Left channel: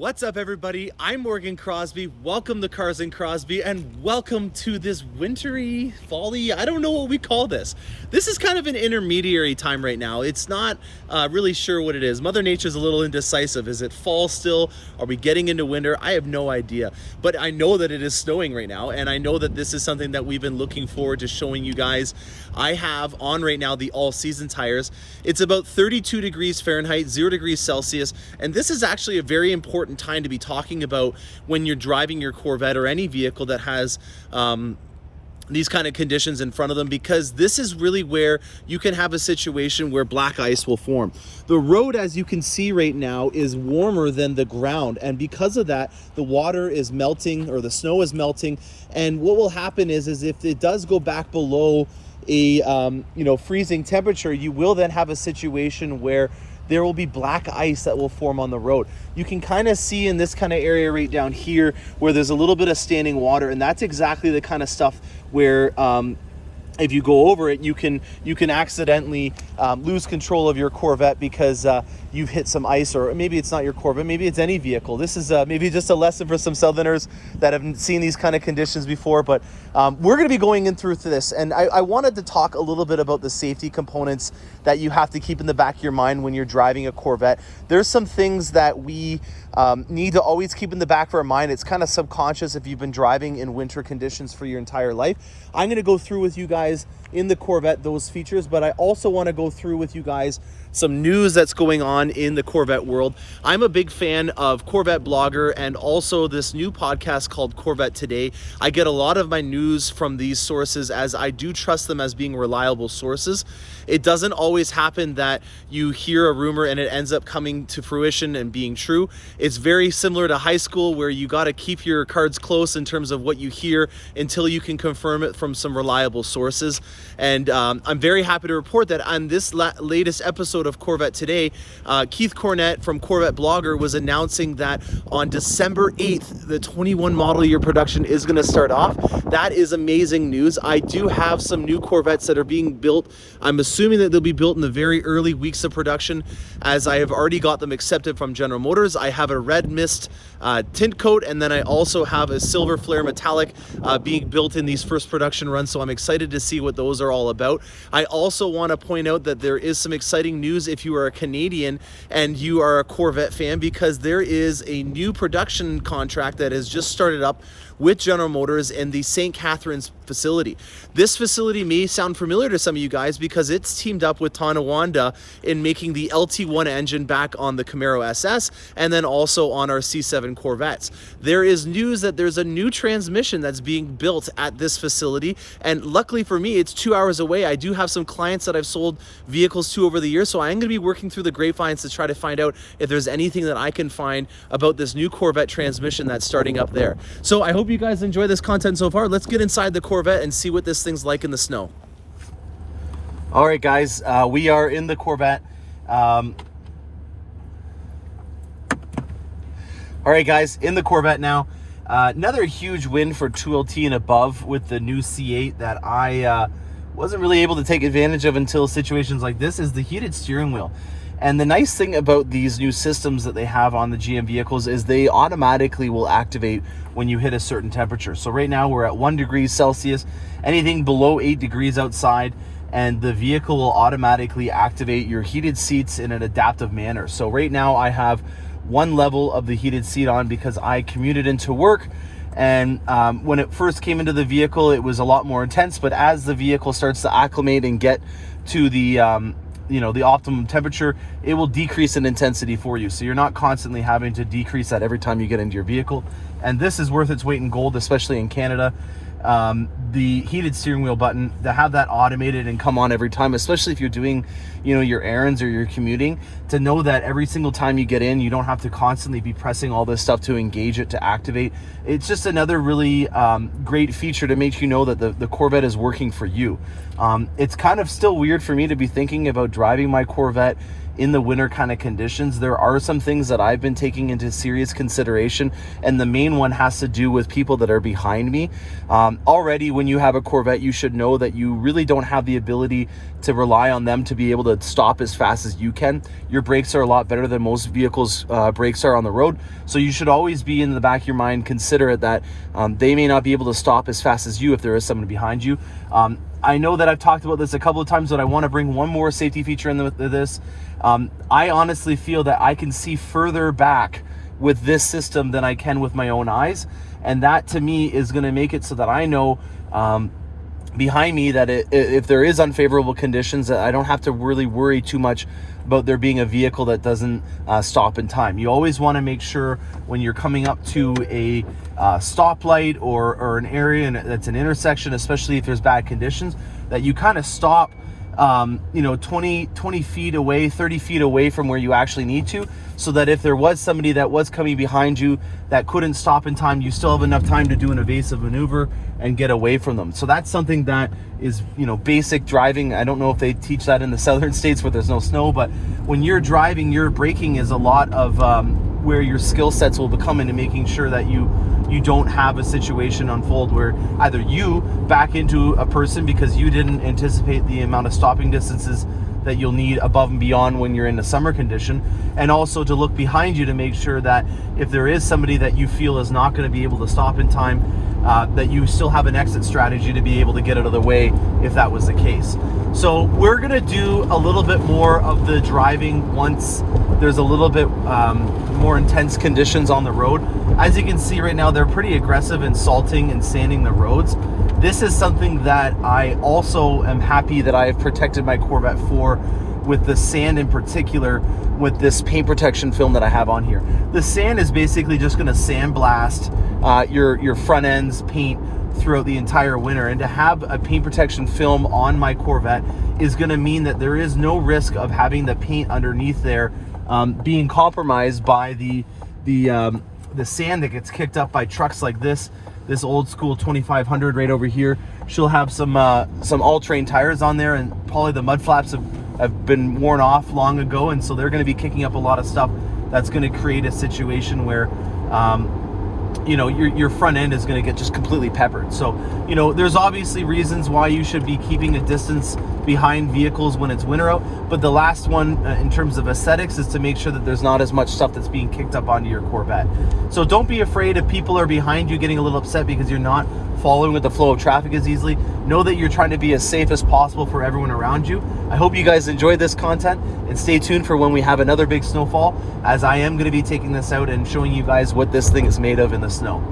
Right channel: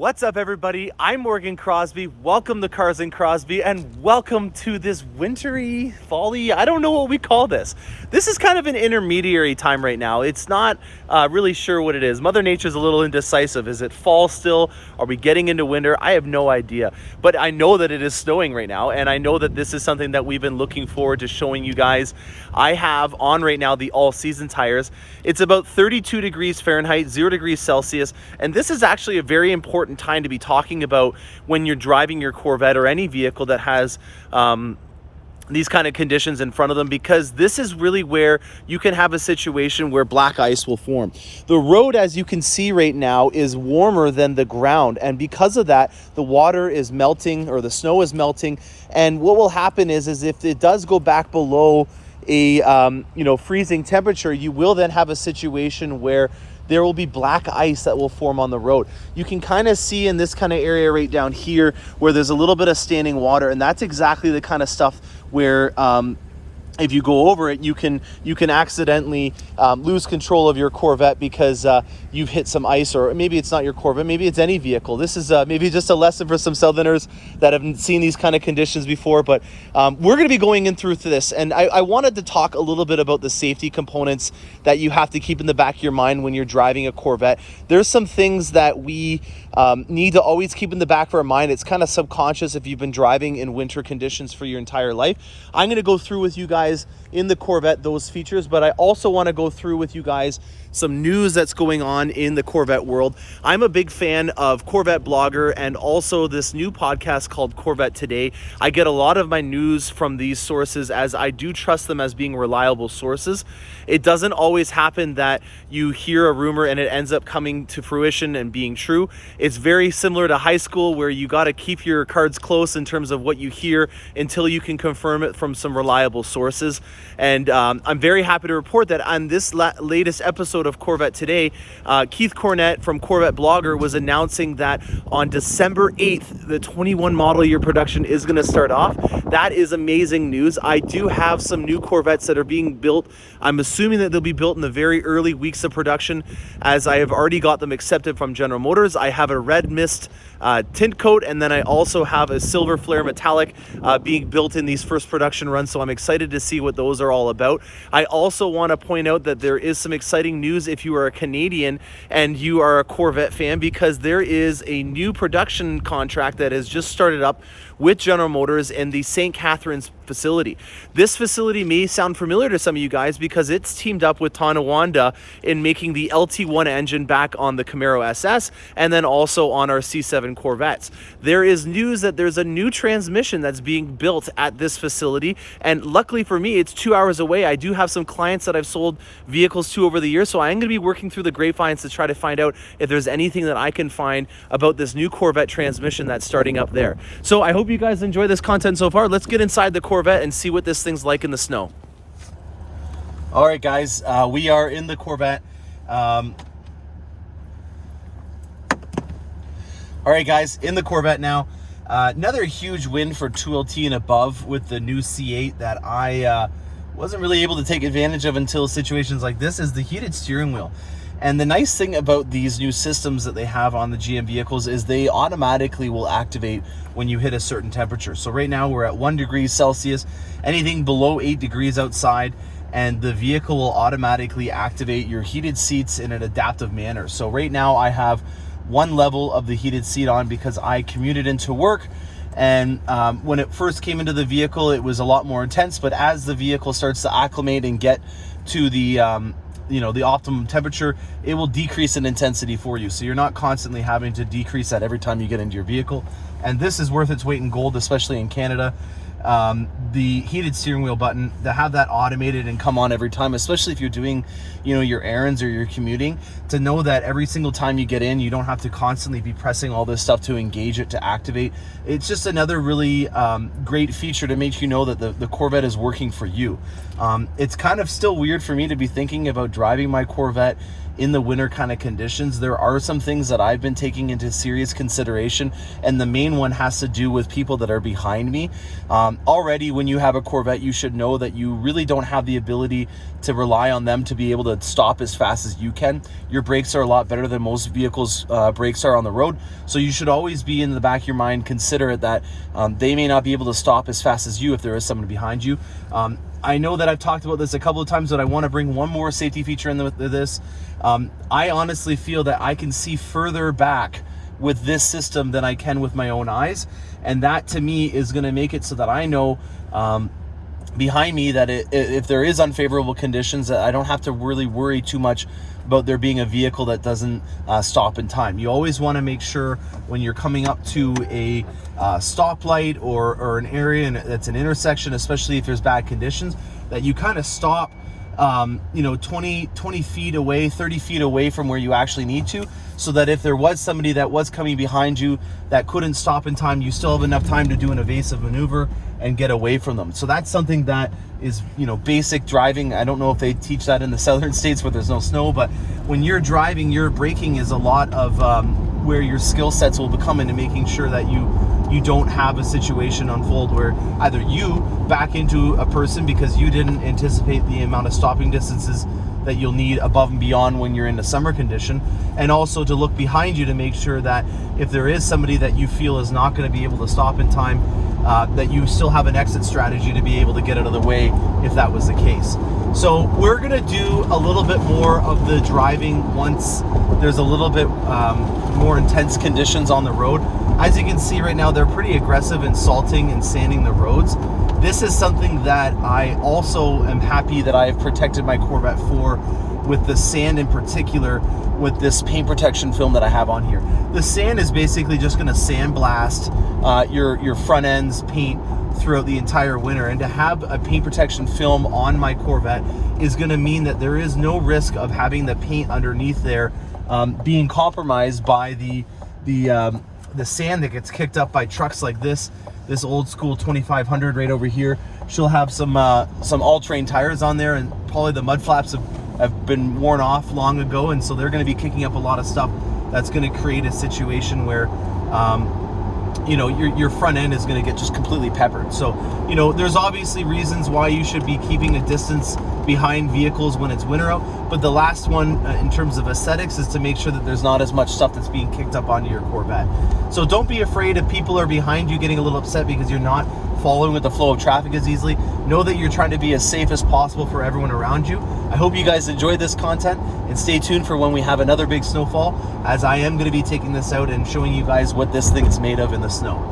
What's up, everybody? I'm Morgan Crosbie. Welcome to Cars and Crosbie, and welcome to this wintry, fall-y, I don't know what we call this. This is kind of an intermediary time right now. It's not really sure what it is. Mother Nature's a little indecisive. Is it fall still? Are we getting into winter? I have no idea. But I know that it is snowing right now, and I know that this is something that we've been looking forward to showing you guys. I have on right now the all-season tires. It's about 32 degrees Fahrenheit, 0 degrees Celsius, and this is actually a very important time to be talking about when you're driving your Corvette or any vehicle that has these kind of conditions in front of them, because this is really where you can have a situation where black ice will form. The road, as you can see right now, is warmer than the ground, and because of that, the water is melting, or the snow is melting, and what will happen is if it does go back below a freezing temperature, you will then have a situation where there will be black ice that will form on the road. You can kind of see in this kind of area right down here where there's a little bit of standing water, and that's exactly the kind of stuff where if you go over it, you can accidentally lose control of your Corvette because you've hit some ice, or maybe it's not your Corvette, maybe it's any vehicle. This is maybe just a lesson for some Southerners that haven't seen these kind of conditions before, but we're going to be going in through this, and I wanted to talk a little bit about the safety components that you have to keep in the back of your mind when you're driving a Corvette. There's some things that we need to always keep in the back of our mind. It's kind of subconscious if you've been driving in winter conditions for your entire life. I'm going to go through with you guys in the Corvette those features, but I also want to go through with you guys some news that's going on in the Corvette world. I'm a big fan of Corvette Blogger and also this new podcast called Corvette Today. I get a lot of my news from these sources, as I do trust them as being reliable sources. It doesn't always happen that you hear a rumor and it ends up coming to fruition and being true. It's very similar to high school, where you got to keep your cards close in terms of what you hear until you can confirm it from some reliable sources. And I'm very happy to report that on this latest episode of Corvette Today, Keith Cornett from Corvette Blogger was announcing that on December 8th, the 21 model year production is going to start off. That is amazing news. I do have some new Corvettes that are being built. I'm assuming that they'll be built in the very early weeks of production, as I have already got them accepted from General Motors. I have a red mist tint coat, and then I also have a silver flare metallic being built in these first production runs, so I'm excited to see what those are all about. I also want to point out that there is some exciting news if you are a Canadian and you are a Corvette fan, because there is a new production contract that has just started up with General Motors in the St. Catharines facility. This facility may sound familiar to some of you guys because it's teamed up with Tonawanda in making the LT1 engine back on the Camaro SS and then also on our C7 Corvettes. There is news that there's a new transmission that's being built at this facility, and luckily for me, it's 2 hours away. I do have some clients that I've sold vehicles to over the years, so I'm going to be working through the grapevines to try to find out if there's anything that I can find about this new Corvette transmission that's starting up there. So I hope you guys enjoy this content so far. Let's get inside the Corvette and see what this thing's like in the snow. All right, guys, we are in the Corvette. All right, guys, in the Corvette now. Another huge win for 2LT and above with the new C8 that I wasn't really able to take advantage of until situations like this is the heated steering wheel. And the nice thing about these new systems that they have on the GM vehicles is they automatically will activate when you hit a certain temperature. So right now we're at 1 degree Celsius, anything below 8 degrees outside, and the vehicle will automatically activate your heated seats in an adaptive manner. So right now I have one level of the heated seat on because I commuted into work, and when it first came into the vehicle it was a lot more intense, but as the vehicle starts to acclimate and get to the the optimum temperature, it will decrease in intensity for you, so you're not constantly having to decrease that every time you get into your vehicle. And this is worth its weight in gold, especially in Canada. The heated steering wheel button, to have that automated and come on every time, especially if you're doing your errands or you're commuting, to know that every single time you get in, you don't have to constantly be pressing all this stuff to engage it to activate. It's just another really great feature to make you know that the Corvette is working for you. It's kind of still weird for me to be thinking about driving my Corvette in the winter kind of conditions, there are some things that I've been taking into serious consideration, and the main one has to do with people that are behind me. Already, when you have a Corvette, you should know that you really don't have the ability to rely on them to be able to stop as fast as you can. Your brakes are a lot better than most vehicles' brakes are on the road, so you should always be in the back of your mind considerate that they may not be able to stop as fast as you if there is someone behind you. I know that I've talked about this a couple of times, but I want to bring one more safety feature into this. I honestly feel that I can see further back with this system than I can with my own eyes, and that to me is going to make it so that I know behind me that if there is unfavorable conditions, that I don't have to really worry too much about there being a vehicle that doesn't stop in time. You always want to make sure when you're coming up to a stoplight or an area that's an intersection, especially if there's bad conditions, that you kind of stop 20 feet away, 30 feet away from where you actually need to, so that if there was somebody that was coming behind you that couldn't stop in time, you still have enough time to do an evasive maneuver and get away from them. So that's something that is, basic driving. I don't know if they teach that in the southern states where there's no snow, but when you're driving, your braking is a lot of where your skill sets will become into making sure that you don't have a situation unfold where either you back into a person because you didn't anticipate the amount of stopping distances that you'll need above and beyond when you're in a summer condition, and also to look behind you to make sure that if there is somebody that you feel is not going to be able to stop in time, that you still have an exit strategy to be able to get out of the way if that was the case. So we're going to do a little bit more of the driving once there's a little bit more intense conditions on the road. As you can see right now, they're pretty aggressive in salting and sanding the roads. This is something that I also am happy that I have protected my Corvette for, with the sand in particular, with this paint protection film that I have on here. The sand is basically just going to sandblast your front end's paint throughout the entire winter, and to have a paint protection film on my Corvette is going to mean that there is no risk of having the paint underneath there being compromised by the sand that gets kicked up by trucks like this old school 2500 right over here. She'll have some all-terrain tires on there, and probably the mud flaps have been worn off long ago, and so they're going to be kicking up a lot of stuff that's going to create a situation where your front end is going to get just completely peppered. So there's obviously reasons why you should be keeping a distance behind vehicles when it's winter out, but the last one in terms of aesthetics is to make sure that there's not as much stuff that's being kicked up onto your Corvette. So don't be afraid if people are behind you getting a little upset because you're not following with the flow of traffic as easily. Know that you're trying to be as safe as possible for everyone around you. I hope you guys enjoyed this content, and stay tuned for when we have another big snowfall, as I am going to be taking this out and showing you guys what this thing is made of in the snow.